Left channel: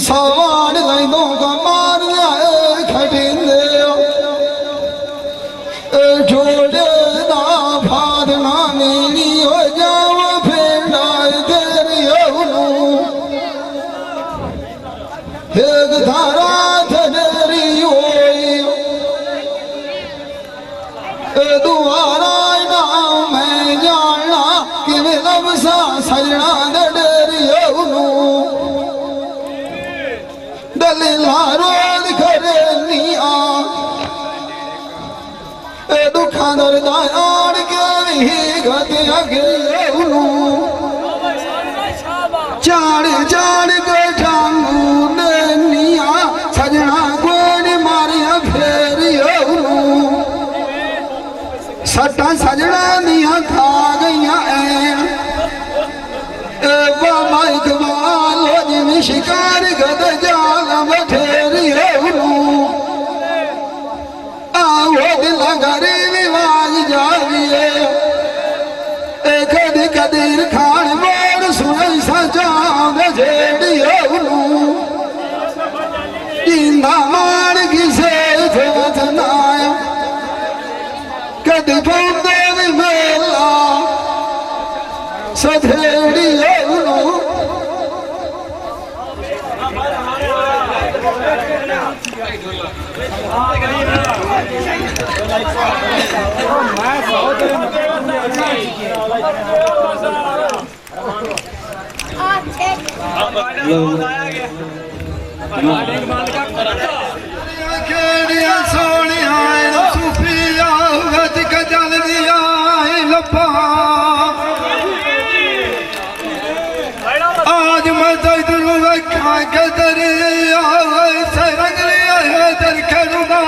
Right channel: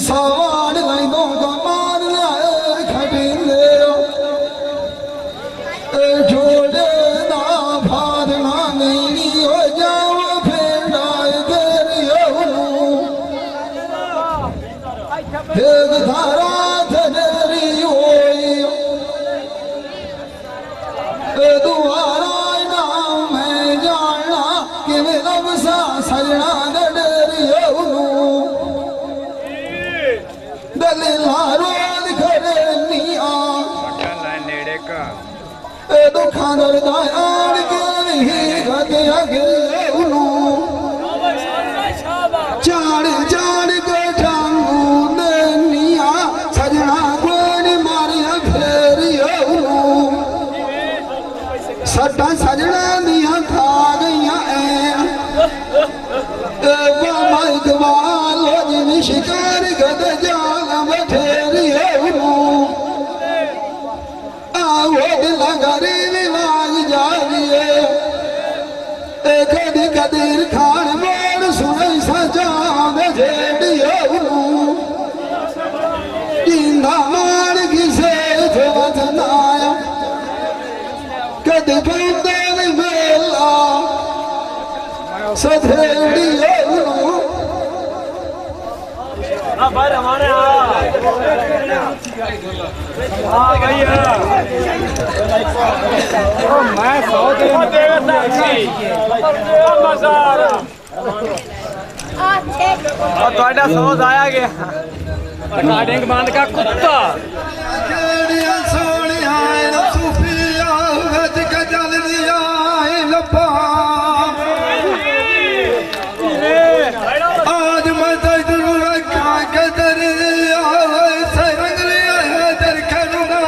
सवार गईदों का मार खटिंदे जोड़े ना भादना मेरी हो जाओ फेंडाए तेरी एक धारा थेरी होई दुआरा ना मैं जाना कि वे लबसा सजना डेरी दलीला करे निया दुखा दर्द आड़ के ही गते अगे चाड़ चाड़ के टांगू ने निया सजना गोली मारिया फेरी सट्टा सजना दिया खा गईया बाबा इकबाल जिन शिकार गद जाल बठेरी आओ दिल गरीब आवाज जाविए कद कदीर खान मोर सुन सजा जेड़ी जिंदा मार किसे नाया कद पौधे मेला सधेड़ी बांध का कुत्ता सोनिया सुफिया गजल दिया लपा आज मैं तेरू रखा के दरिया सरंग लिया है दर करुणा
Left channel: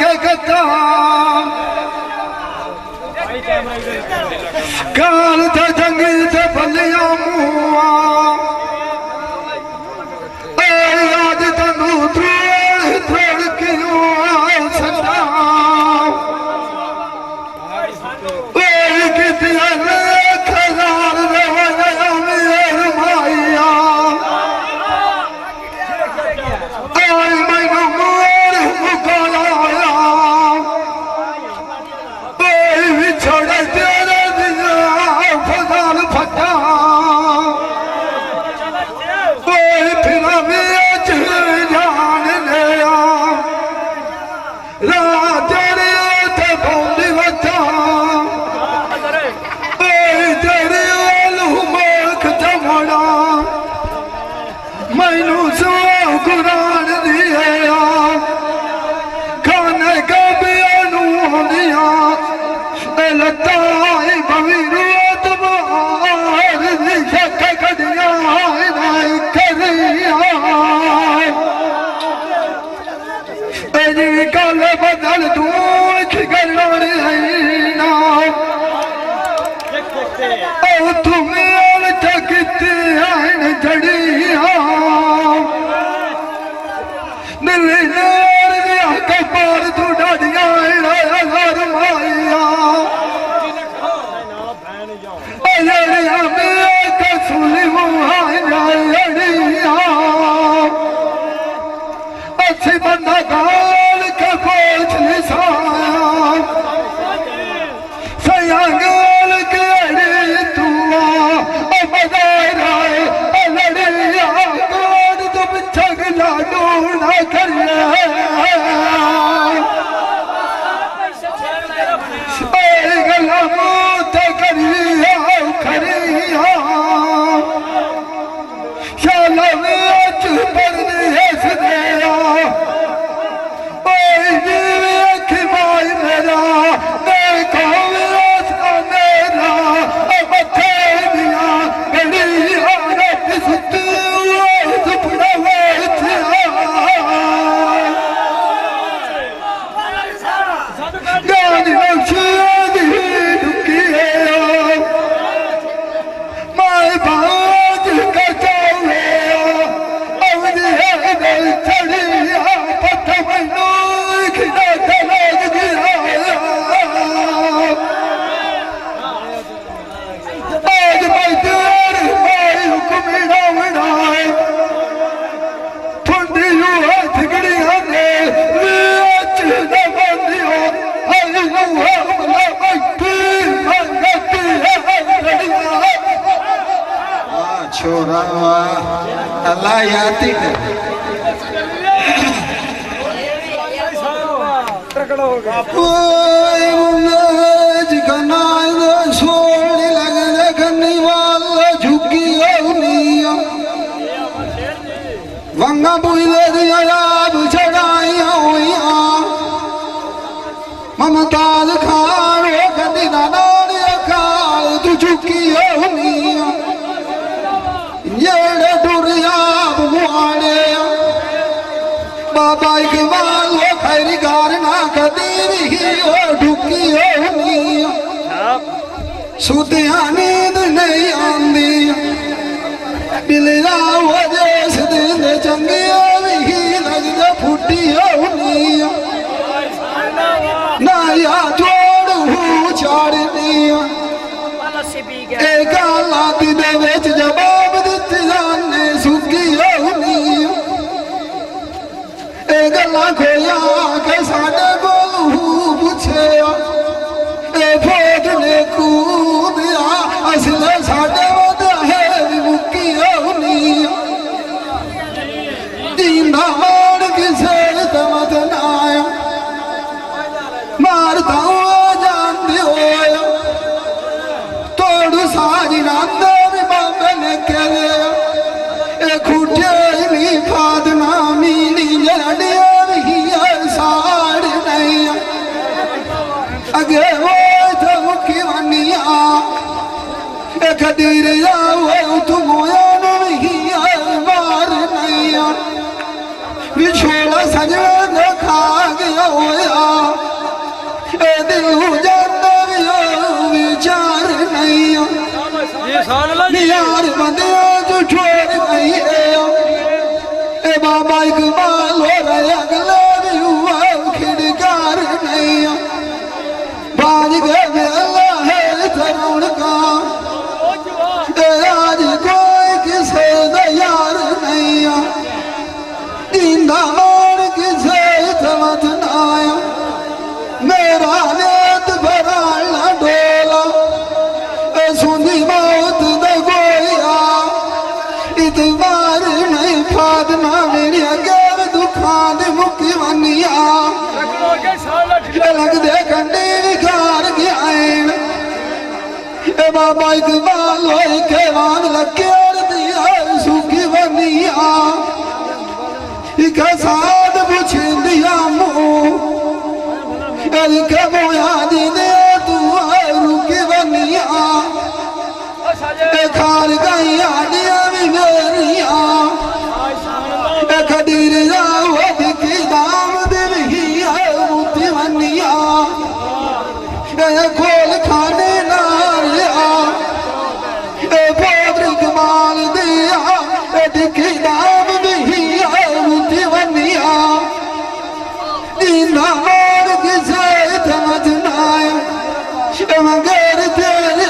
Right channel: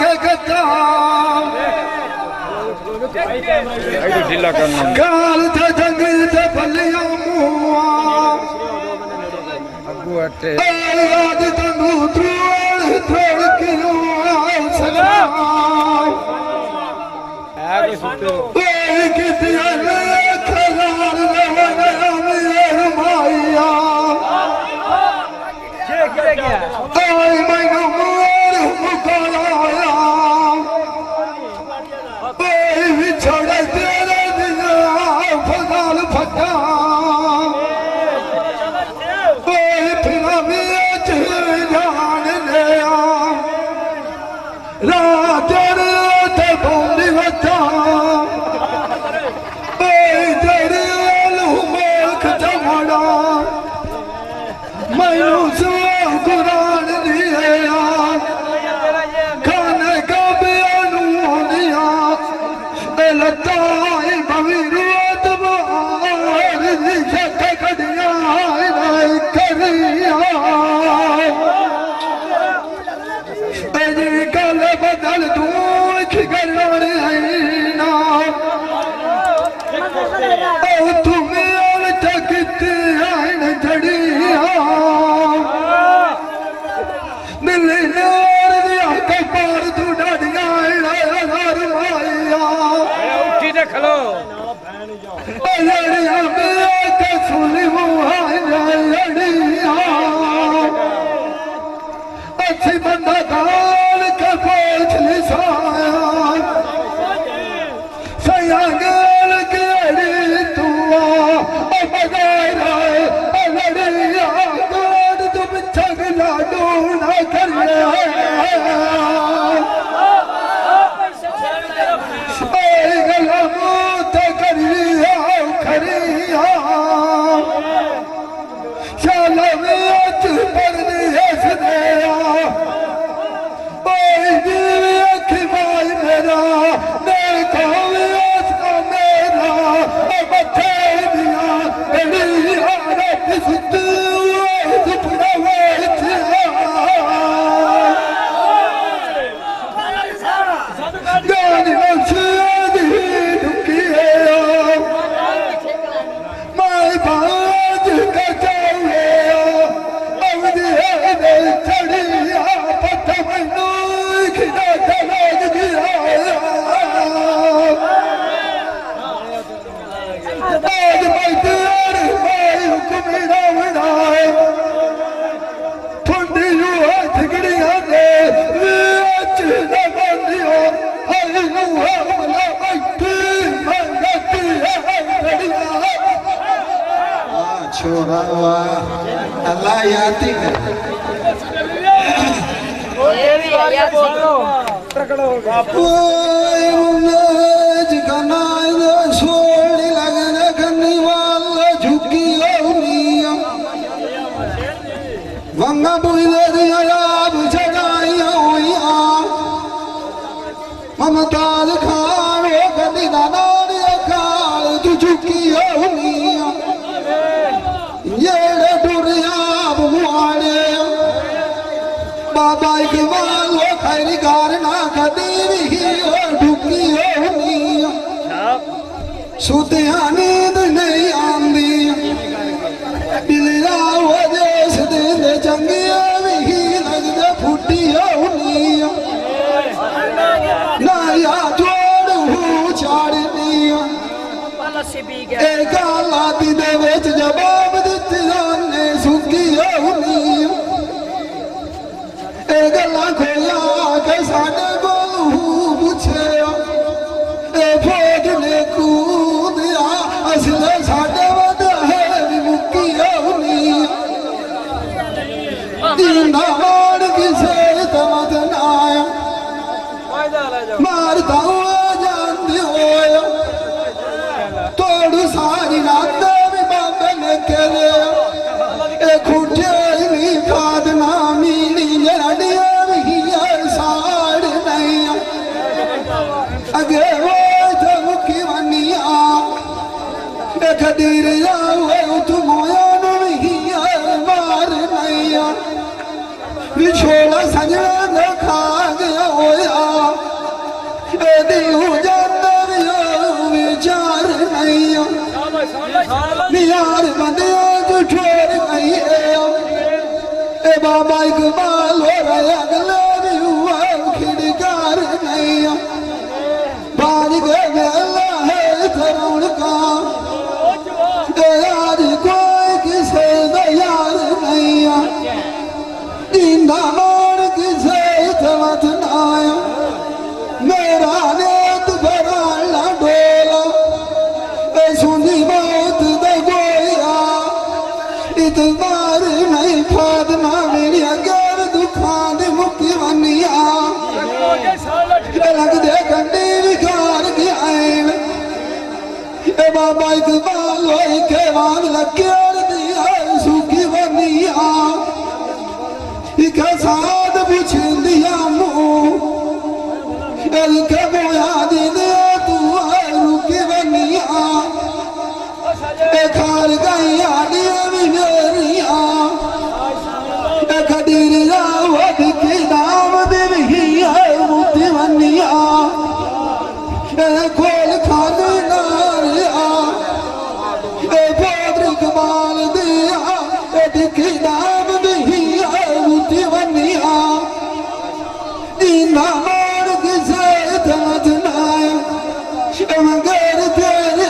के गद्दा काल थे जंगल थे बलिया मुआ आज तनु थोड़ थोड़ क्यों सदा कितिया खजार मेर माया आई मैनू मोर मुकाया छोड़ तेरे दिया फजाल फटा फिर जान लिया रात थे बोली बचा तेरे मुख चमड़ा मैनू सो कुरान दिया खाने का बियानू दिया लताई बवीरोत बार शक कदिया करिया कल बदल तू खिगड़ ना तुम्हें चकते जड़िया दिल्ली नार दिया कपार तू डाडिया माया सुनी अच्छी बंदा गाल का पोछ लिसाया सया गाल के तू बजाय रहे लड़िया गोद तुम छगला डूना करिया गला मूत करिया खरिया शाला में पर हस दिया जीवी अखी माई मेरा देखो मेरा मथे दिया बड़ी सुत सुपना गानी नक्शे ढुकी है माई बाज का चाहे चढ़िया पथ मैनू खिला तलाज गिराया आज मैं तेरे भाई हुक्म बनाए ला याती सोनी लगने गन्नी वाला झुकी होनिया वंगा बुझे दिया चढ़ाइया हुईया ममताज खान वो गंदी नानिया खाल तू झुकी होनिया जेड़े टुरिया बुआड़े बाबा इकबाल वो खैरी गार ना कदी भी वो ढुकी होनिया सुतिया नींद नहीं आंदी बिलिया वो जिस दिन चंगिया भी लगदे फुटी होनिया ना या जोड़ चाड़निया गाला दे विच जवाब दिते जाने सुखी होनिया गल्लां खोया के साडे कोल पुछे फौज ने कूदिया असले साडे वध है मुक्की होनिया दीना मार किसे तमत नाया मारता हुआ जानती होया तोड़ सारी रात भी बाबे ने करे खूटे नहीं फादना मीनी जड़िया भी साड़ नहीं अगे वो तो मुखी बनिया खदीर जाओ तुम नहीं मार नहीं बिछोड़ा सजा खा गया होया विचार नहीं यार बंदे जो छोड़ गई है बाबा इकबाल हो रहे अगले भी हुआ खिड़कार नहीं बाज गए अल्लाह है तरुण का आज कोई किसे यार नहीं दींदा मार किसे तमत नाया मेरा नेत भराला डोला सुनी मौत द गोया इतबार नहीं फादना मेरी अगे दुखा दे मुक्ति बनिया लग दे कंडी विकार गया बाबा इकबाल होई के वान लगे दिया सुखी बनिया इक साध पुछ दिया मुँह के मोया दीने तू रुकी बनिया खार गई आडिया भी मेरिया खडीर जाओ दिखी दाम दिवही मुक्ति बनिया खोल खाने नारिया पोत्र इकबाल दिया दिखी दाम दिही मुक्ति बनिया दीना मगर तेरे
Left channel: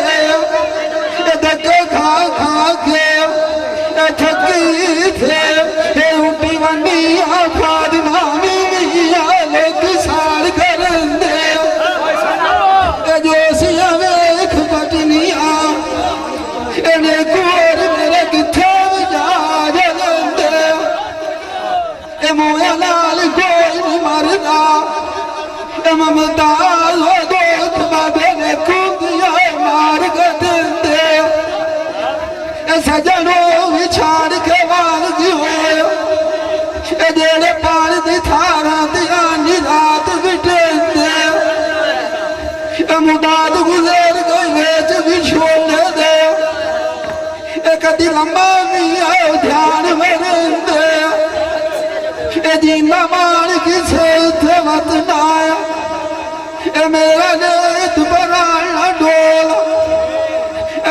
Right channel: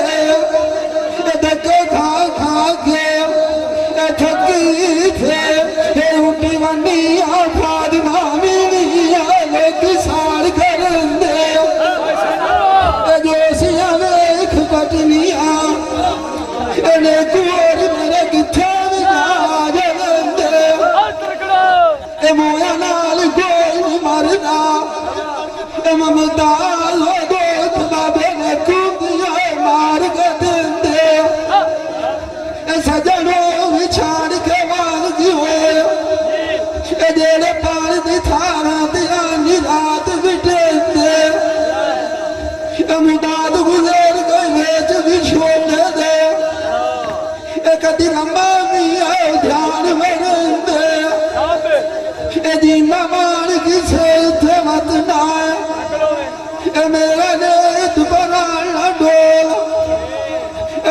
धक्के खा खा के थकी थे उठी बनिया फादना मिलिया लोग साड़ कर दे जोशिया वेख पटनिया इन्हें कोर मेरे किथे जा दे मोया नाल कोई नहीं मरदा ममता मार दे सजनो विछाड़ के वालगी हो जेड़े पाल दी थारा दिया रात बिटे मुदाद गुजर गई वेच भी छोड़ दे कदी लंबा भी आओ ध्यान में दे जीना मार किसे थे मत नाया मेरा नेत बना डोला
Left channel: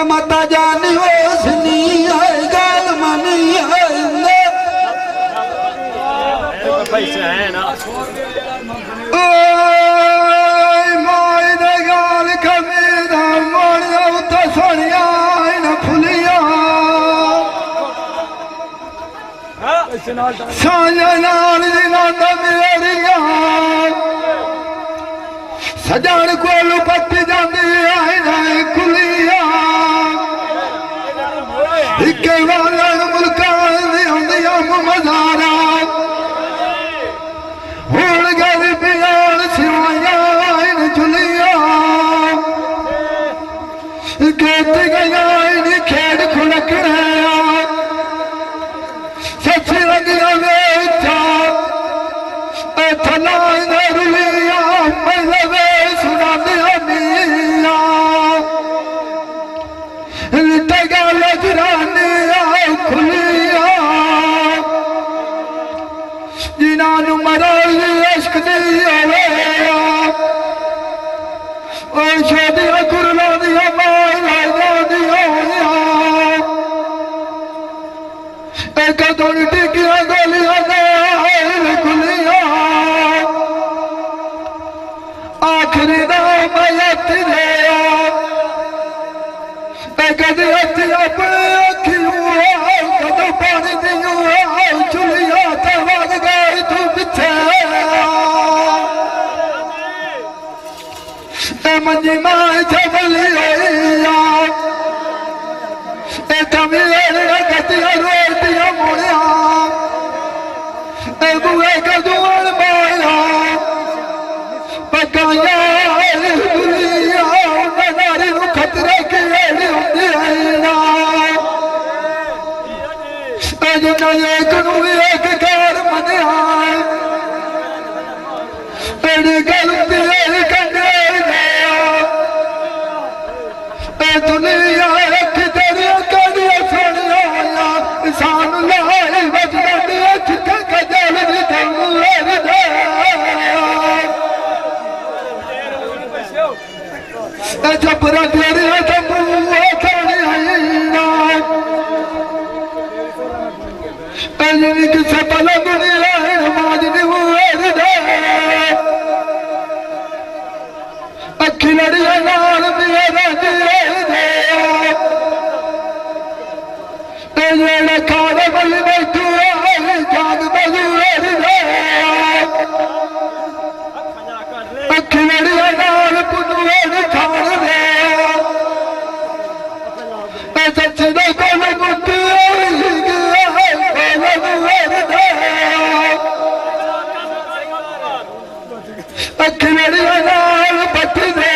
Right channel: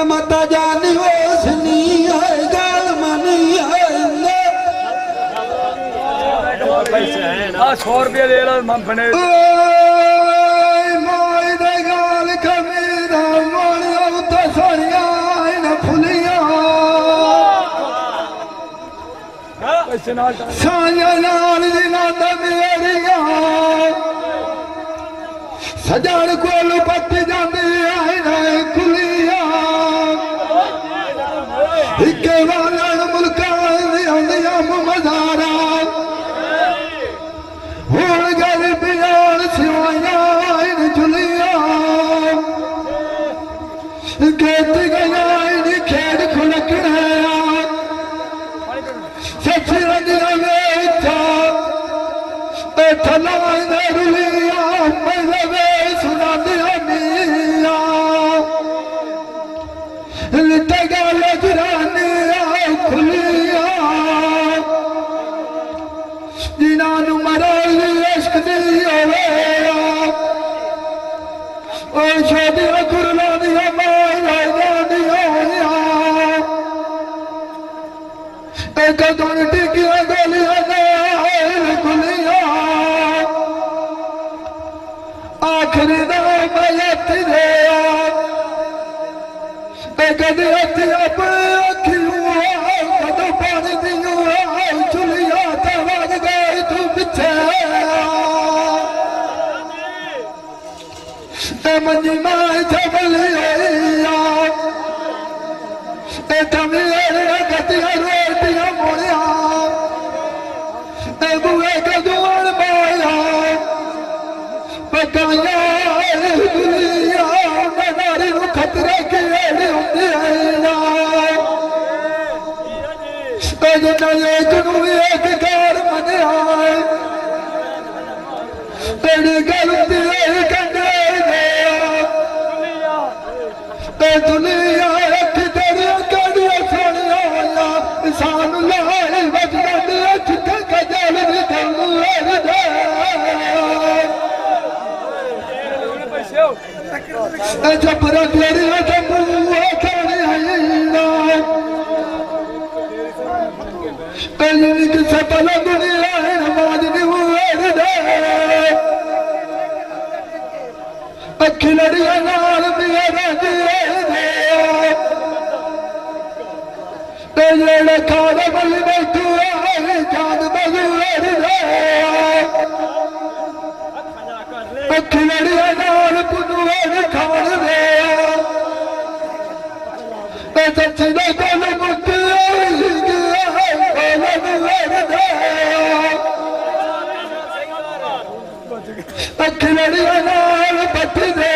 मता जानी होसनी है गाल मनी है पैसे हैं ना 100 रुपए ले लो मंगने ओए माय दे गाल कमीदा मोड़ उत सोनिया न फुलिया पैसे नाल साया नाल दी नाद मेरिया सजान कोल पट जांदी आई ना खुलिया इके वाला मुल्का दी तुम टिकिया गोलियां गुलिया आखिरी नाम तेरे कदे अपने अखियों कदों पानी दियो चुलिया तवग गई तू पिछे मंजी मां चबली गतिया रोटिया मुड़िया बुए कदून माया पकाया नारी खतरे की होंगे एक घर मनिया तेरी गलती कने दुनिया तेरी कड़िया सोनिया इंसान लाई बजने छिके कजल जबरा तेरी किसे पल दुनिया नमाज अखी लड़िया नाल मेरा जेड़ा खाने बल बैठू जाग बजू अखी लड़िया नाल पुनू खान दे सच दे कोल मुक अखी लड़िया नाल पट्टी दे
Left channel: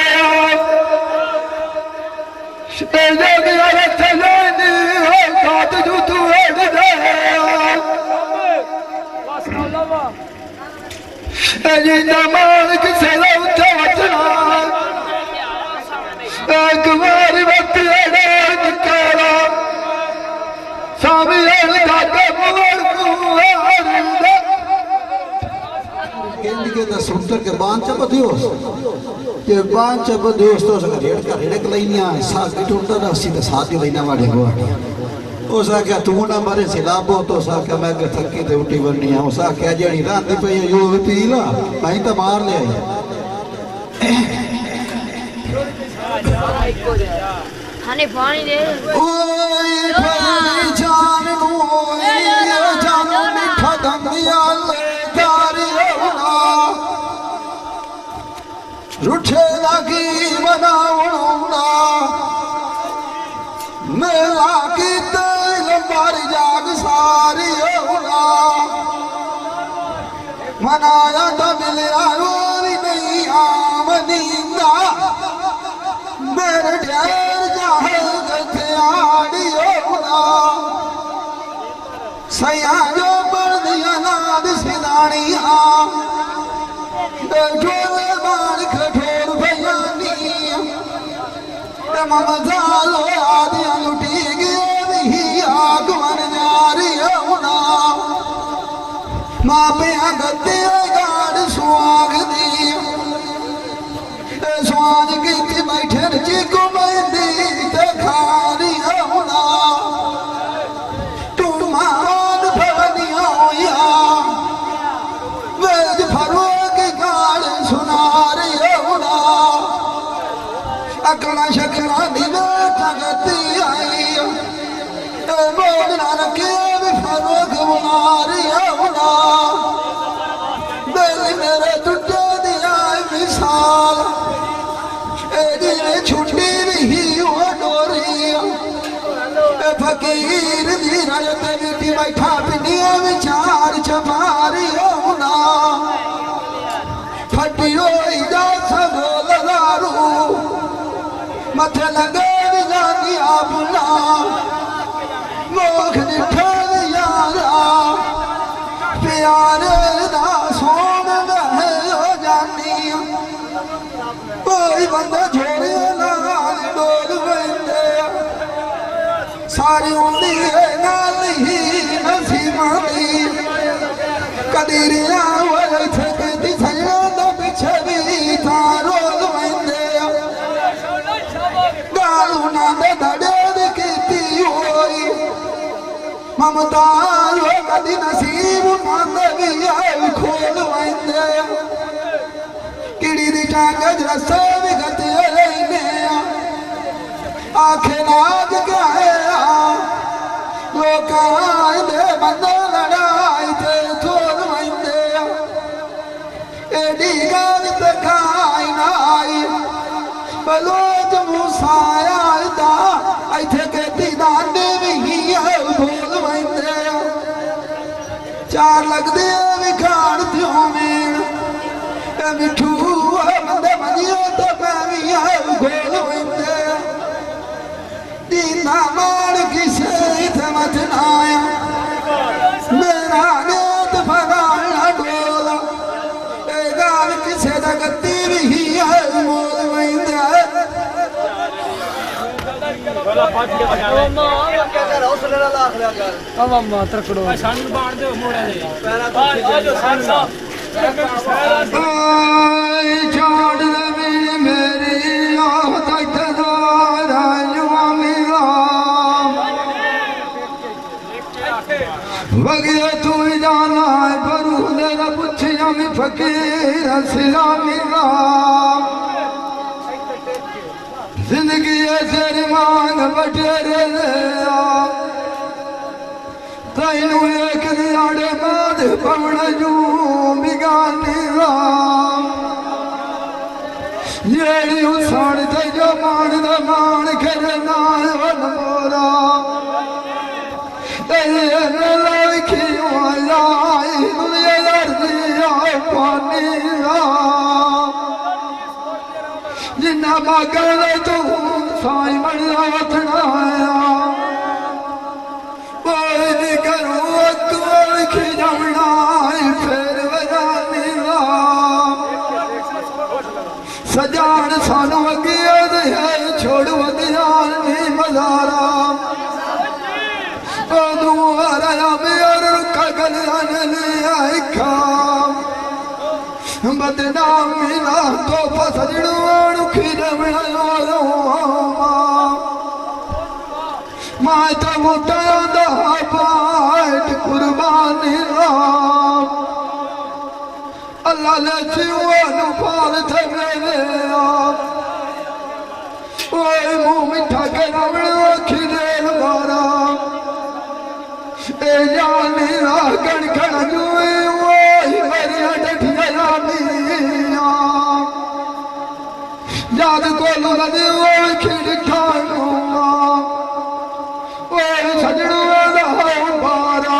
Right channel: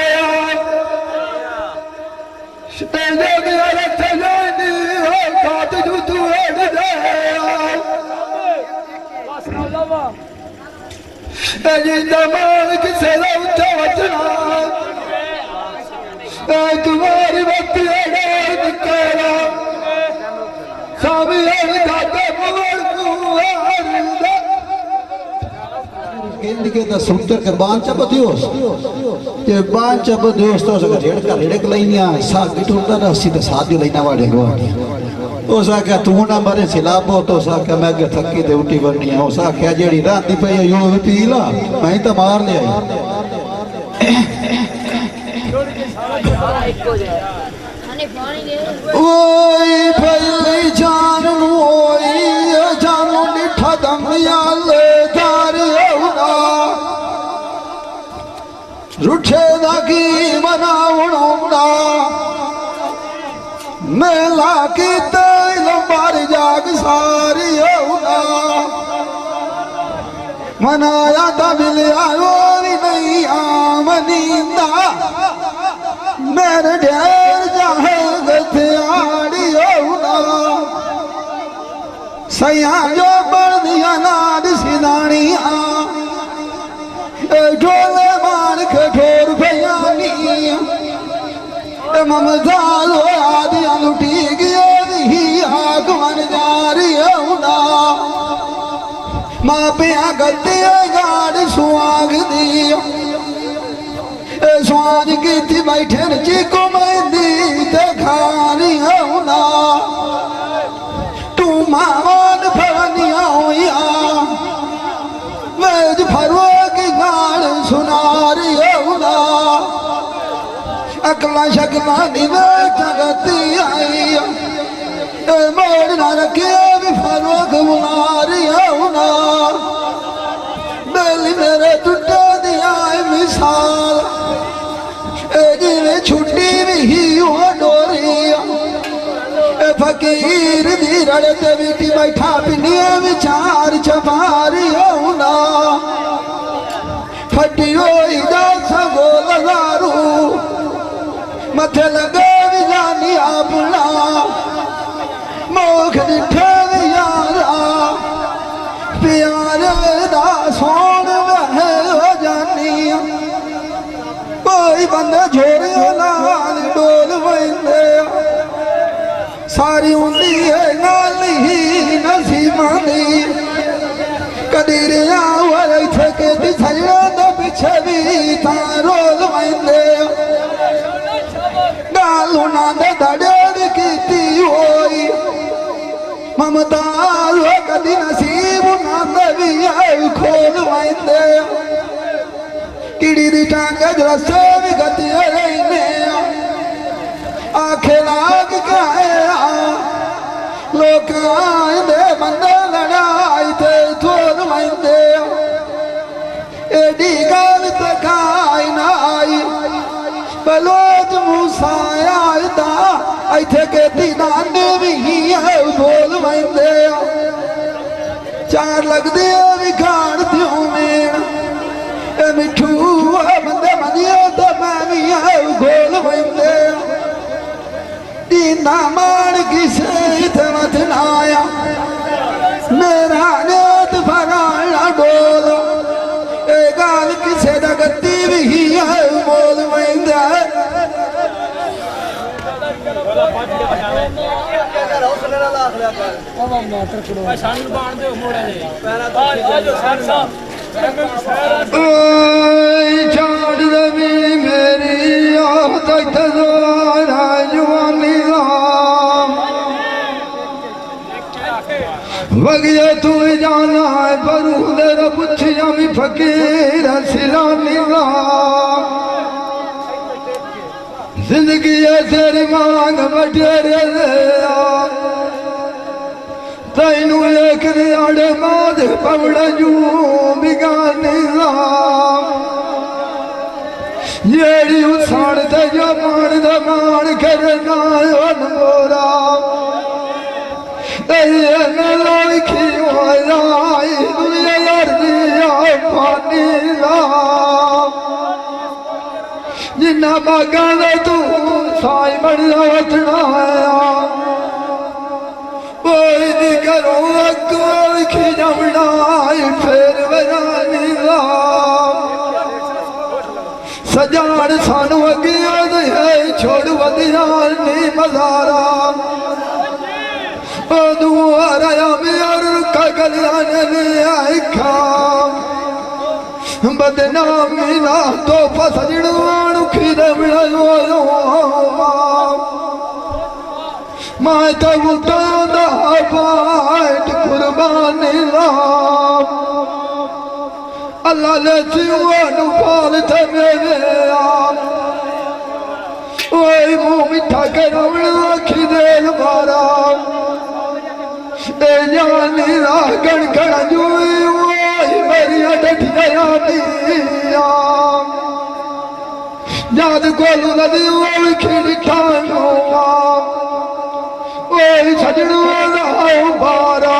मान किसे उठा बचना कुमारी बत्ती निकाला स्वामी सुंदर के बांध चबदियोस ये बांध चबदियोस तो सके ढेड़ का ढेड़ के लाइनिया साग गिठोंदा ना सीधे सादियो लाइना वाले गो तो सा क्या तू ना बारे सिलाबो तो सा क्या मैं के थकी ते उठी वरनी है सा क्या जेड़ी राती पे यो पी ला मैं तो मार ले हने पानी दे ओए भई जान नु ओए जान मिठा दमिया ले जारियो रूठे लगी बनावणा मेला की तेल मार जाग सारी होना मनाया तो मिलिया रोरी नहीं आमनींदा मेरे ढेर जाहे गथियाड़ी होना सया जो बढ़ दिया नाद सिदानिया ढोले मान कठोर भयानी ममदालो आदिया लुटी गई आगमन जारी होना माँ पिया गति गाड़ सुहाग दी स्वाद की थी बैठे चिको मेहंदी ते खानी होना तू मान फनिया होया वेज फरोग गाड़ सुनारी होना अकला शकला दिवे जगती आई मोड़ ना रखे भी फरोग बुनारी होना दिल मेरे टूटे दिया मिसाल जिन्हें छुट्टी भी हो डोरी फकीर दी रड़ते बीटी बैठा पिनिए विचार छपारी होना फटी होई जा सगो लगारू मथे लगे जानी अपना मोख निठे यारा प्यारे दा सोन हो जानी कोई बंदा झोड़ियो नाल डोल वैंदे सारी उंदी है नाल ही नसीबा दी कदीरिया वाले थके दी थलिया दा पिछे भी रोल वैंदे गालू ना दे दड़ेर कीती होई ममता दी नसीब माते भी खोल वाइंदे किड़ी दी टांग रस्ते भी गति रहने आखे लाग गए लोग आंदे बंदे लड़ाई ते थोल वाइंदे एडी गल ते खाई ना आई बलोच मूसाया दा इथे के दीदाने भी बोल वाइंदे चार लगदे भी खान त्यों मेन ए मिठू बंदे मनियो तो मैं भी गोल वाइंदे दीदा मार किसे इथे मत नाया मेरा नेत फगाना डोल ए गाल किसे दा गद्दी भी मोल वाइंदे वगिए तू जाना है पर पुछिया भी फकीर सिलामी जिंदगी तेरी मांग बटेरे तैनू एक आड़े बाद पवड़ा जू बिगानी जेड़ी उसान ते जो मान दा मान करना अनोरा लाखी राई दुनिया लड़दिया पानी जिन्ना बागा तू साई बड़ा वतना करो खिजमना फिर बजानी सजान सानू अगे है छोड़ वधियान नी मजारा बदनामी ना तो फसड़ू खिदम मैं तो उठा बाट कुर्बानी ला अल्लाह ले जीवन पाल थे मेरे ओए मुंह मिठा कर खिदे मारा जानी गण गण जुए मेरी अडठिया याद कोल नदी खिड़का छड़ू बारा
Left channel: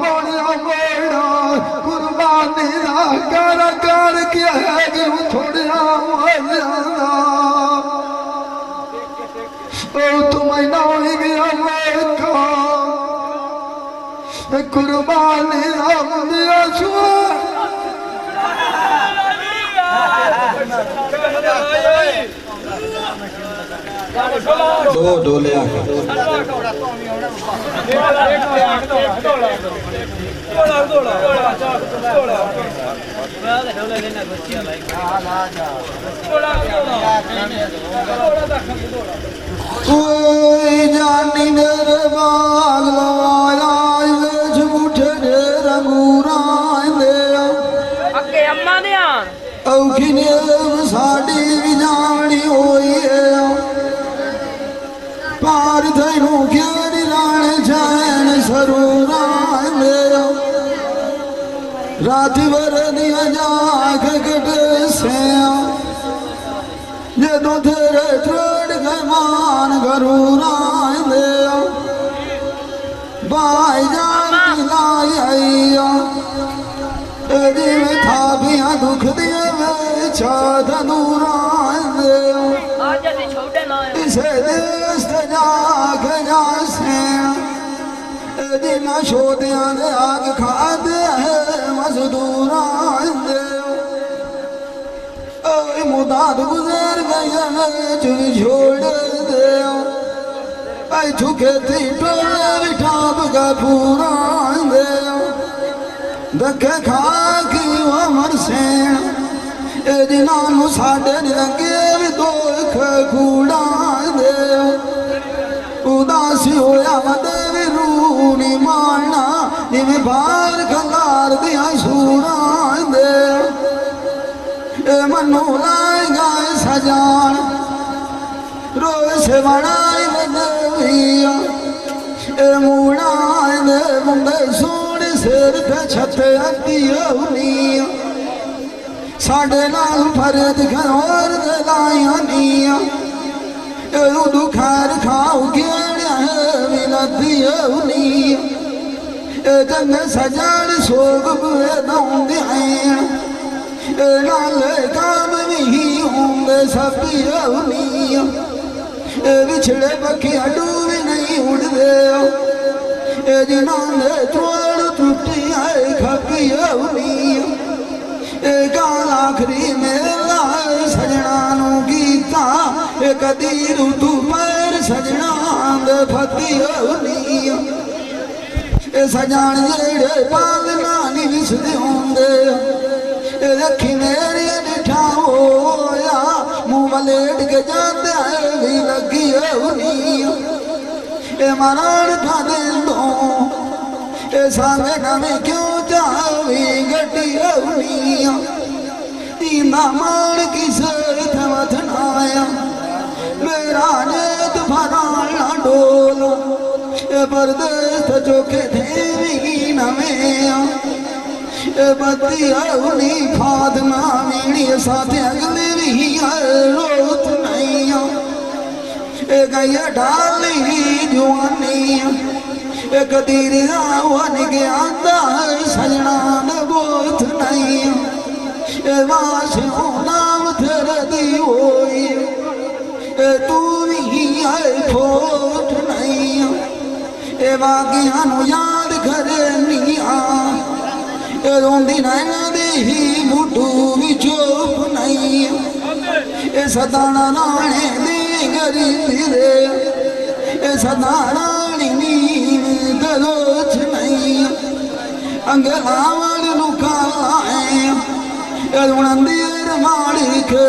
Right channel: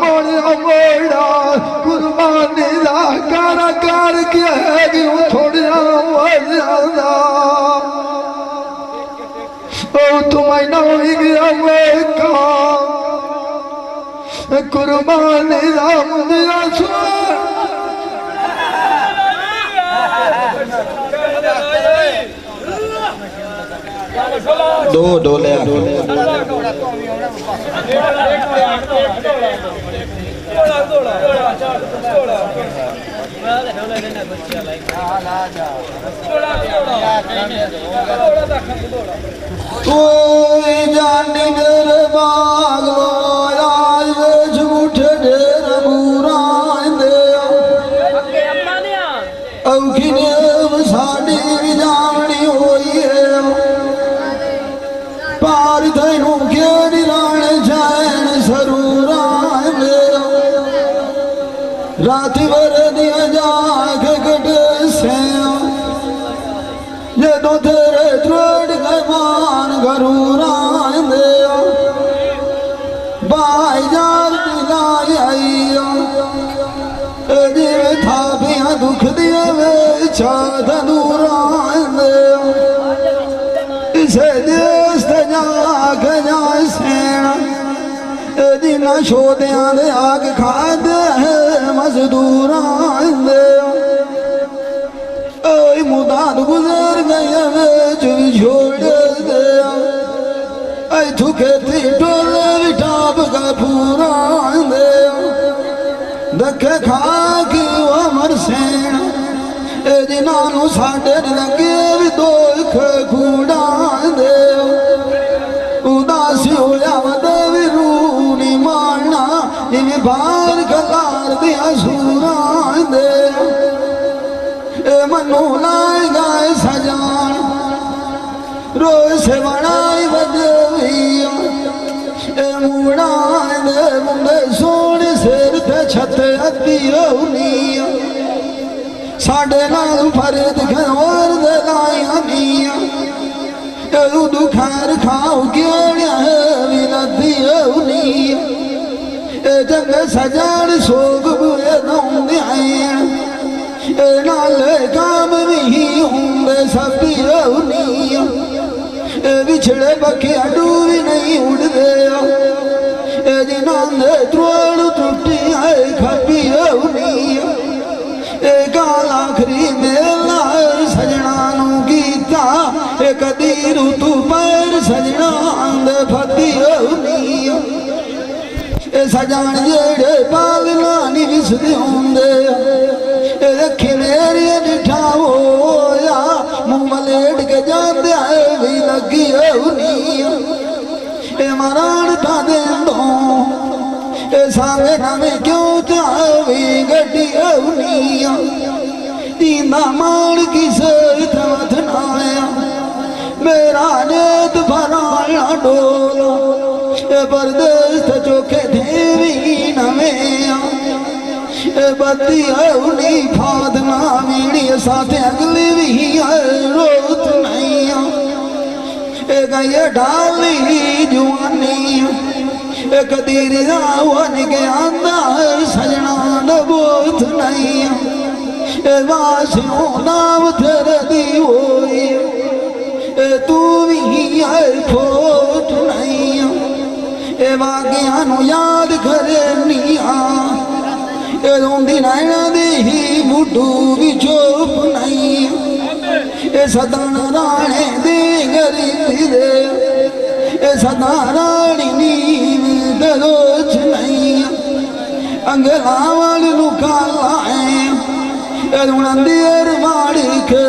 मोड़ा मोड़ा कुर्बानी कर कर के थोड़ा तुम ना गया कुर्बानी राम दिया दो डोले जानी बाग झूठ ढेर मूरा औखी साड़ी जानी होई है पार थो घेरी राण जान सरूरा रात भर दिया जाग कट से जो तेरे ट्रोड के मान घरूरा बाई जान लाई था पिया दुख दिए वे छाद दूरा इसे देश जाग जाना छोड़े आग खाते है मजदूरा मुदाद गुजर गए छोड़ दे झुके थी टोले बिठाब का पूरा दखे खा के अमर से जिन्होंने साढ़े लगे भी दो कूड़ा दे उदासी होया भी रू नहीं मारना जिम्मे ਨੂੰ ਲਾਏਗਾ ਸਜਾਨ ਰੋਏ ਸੇ ਬਣਾਈ ਬਦਵੀਆ ਇਹ ਮੂੜਾ ਦੇ ਮੁੰਡੇ ਸੋਹਣੇ ਸਿਰ ਤੇ ਛੱਤ ਅੱਧੀ ਹੋਣੀ ਸਾਡੇ ਨਾਲ ਫਰਦ ਘਰ ਦੇ ਲਾਈਆਂ ਨੀਆਂ ਇਹ ਦੁਖਾਰ ਖਾਓ ਕਿਹੜਿਆ ਵੀ ਨਦੀ ਹੋਣੀ ਇਹ ਜੰਗ ਸਜਾਣ ਸੋਗ ਬੁਏ ਦੋਂਦੇ ਆਏ ਨਾਲੇ ਕਾਮ ਵੀ ਹੁੰਦੇ ਸਭੀ ਹੋਣੀ ਇਹ ਵਿਛੜੇ ਬੱਖੀ ਅਡੂ ਵੀ ਨਹੀਂ ਉੜਦੇ ਇਹ ਜਿਨਾਂ ਨੇ ਤੋੜ ਟੁੱਟੀ ਆਏ ਖੱਬੀ ਹੋਣੀ ਇਹ ਗਾਲ ਆਖਰੀ ਮੇਲਾ ਸਜਣਾ ਨੂੰ ਕੀਤਾ ਇਹ ਕਦੀ ਰੁੱਤੂ ਪੈਰ ਸਜਣਾ ਦੇ ਫੱਦੀ ਹੋਣੀ ਇਹ ਸਜਾਣ ਜਿਹੜੇ ਪਾਲਣਾ ਨਹੀਂ ਵਿਸਦੇ ਹੁੰਦੇ ਇਹ ਰੱਖੀ ਮੇਰੀ ਡਿਠਾ ਹੋਇਆ ਮੂੰਹ ਮਲੇਟ ਕੇ ਜਾਂਦੇ ਵੀ ਲੱਗੀ ਹੋਣੀ ਇਹ ਮਰਾਣ ਤਾਂ ਦੇ ਦੋ ਇਹ ਸਾਵੇਂ ਨਾਵੇਂ ਕਿਉਂ ਚਾਵੀ ਗੱਡੀ ਹੋਣੀ ਦੀਨਾ ਮਾਣ ਕਿਸੇ ਤੇ ਵਥਨਾਇਆ ਮੇਰਾ ਨੇਤ ਫਰਾਣਾ ਡੋਲ ਇਹ ਪਰਦੇਸ ਤੇ ਚੋਖੇ ਦੇਵੀ ਨਵੇਂ ਇਹ ਬੱਤੀ ਹੋਣੀ ਫਾਦਨਾ ਵੀੜੀ ਸਾਥ ਅਗਲੀ ਵੀ ਰੋਤ ਨਹੀਂ ਇਹ ਗਈ ਢਾਲੀ ਜਵਾਨੀ ਇਹ ਕਦੀ ਰਾਵਨ ਗਿਆ ਸਜਣਾ ਨਬੋਤ ਨਹੀਂ ਇਹ ਵਾਸਿਓ ਨਾਮ ਧਰਦੀ ਹੋਈ ਇਹ ਤੂੰ ਵੀ ਹੈ ਖੋਟ ਨਹੀਂ ਇਹ ਵਾਗਿਆਂ ਨੂੰ ਯਾਦ ਕਰਨੀ ਇਹ ਰੋਂਦੀ ਨਾਇਆਂ ਦੀ ਹੀ ਮੁੱਢੂ ਵੀ ਚੁੱਪ ਨਹੀਂ ਇਹ ਸਦਾ ਰਾਣੇ ਦੀ ਗਰੀ ਦੇ ਇਹ ਸਦਾ ਰਾਣੀ ਨੀ ਦਲੋਚ ਨਹੀਂ ਅੰਗਲਾਵਲ ਨੂੰ ਕਾਲਾ ਇਹ ਰੁਣੰਦੀ ਅਰਮਾੜੀ ਕੇ